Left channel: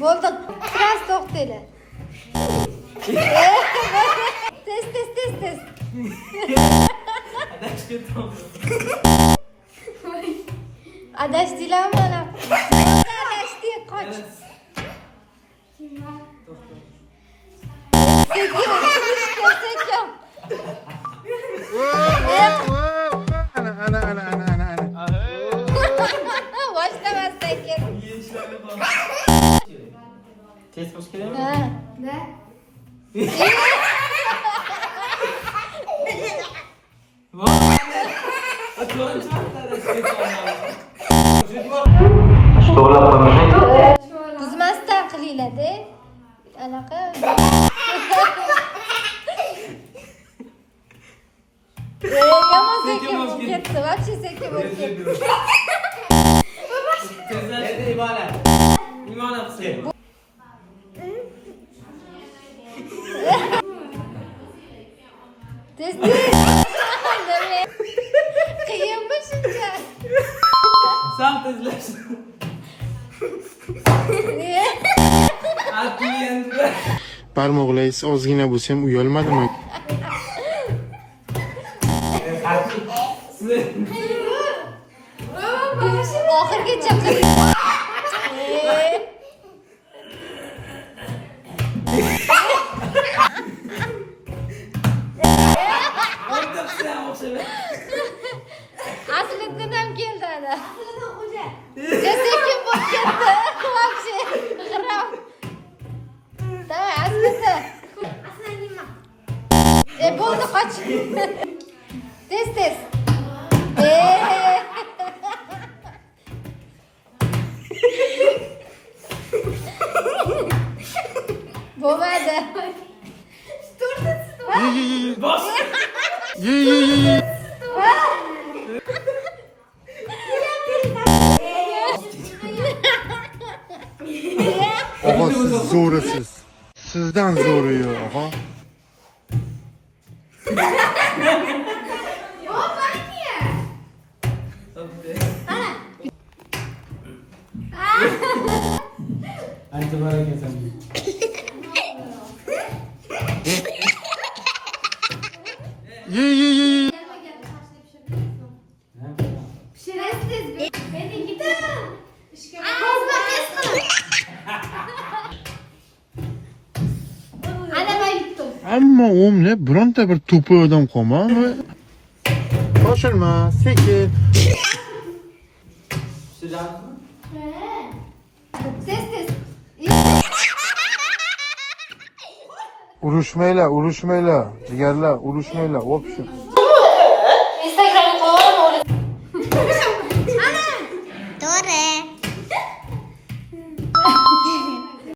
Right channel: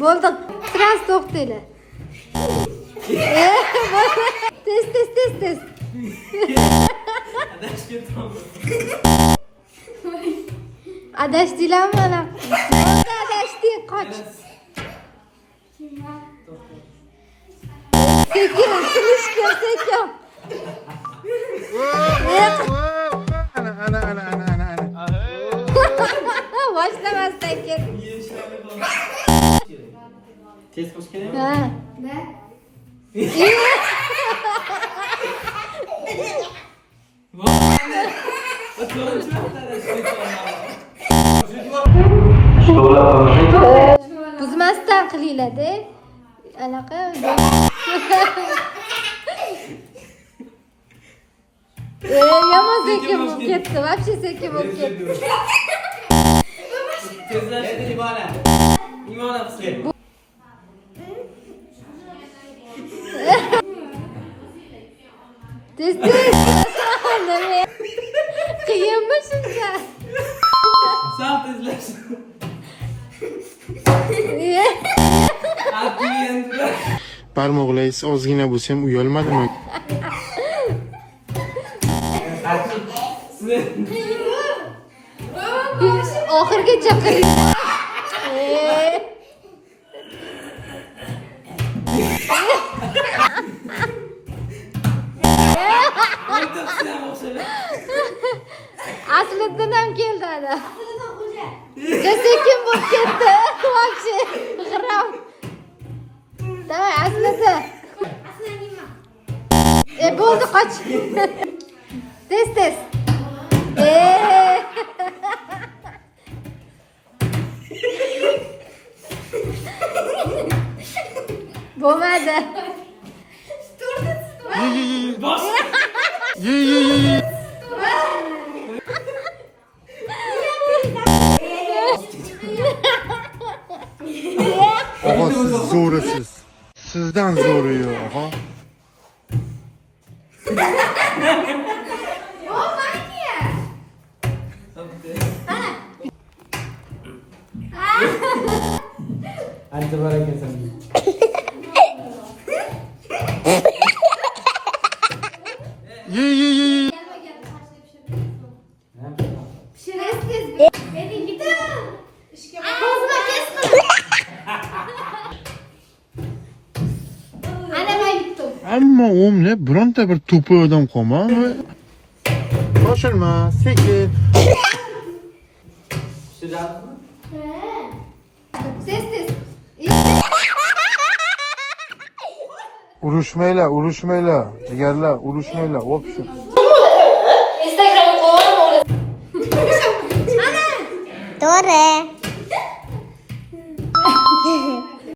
Bo'ldi. Biraz to'xtaydi. Tez. Adashdilar mana. Adashdi, qoch. Sekin. Ana. Boshlamas sekin. Tez qilish kerakmi? Ha, da. Qizmasdan qilinglar-da. Anaqa. Yomon sekin bo'lib ketdi. Вообще sekin bo'lib ketdi. Tezlashdi Ivona. Ivona qilsin. Tez. Qiyinmi shuncha? Sal tezlash. Barmoqlaringiz ozgina bo'lsa ham uyalmadimi? Oxirgacha qiling. Aslidan ham keldi ana. Sekin bo'lib ketdi. Voобще. Давай, aslida. Bo'ldi, qoch. Tez. Bo'lmadi. Bos. Ye. Og'a siz zo'risiz. Sizdan zo'ri yo'q, og'a. Ancha barakasan. Ye. Pishirasiz. Beni gidelim. Kozma kesme. Ana ben yuttum. Ammo o'mla bironta bir to'pi odam qolmadi. Shoshilma, sekin. Tez. Urushmaylar. Jigarlar, urushmaylar. O'pshu. Instagram'ı kovalım orası. Ana. Doğru.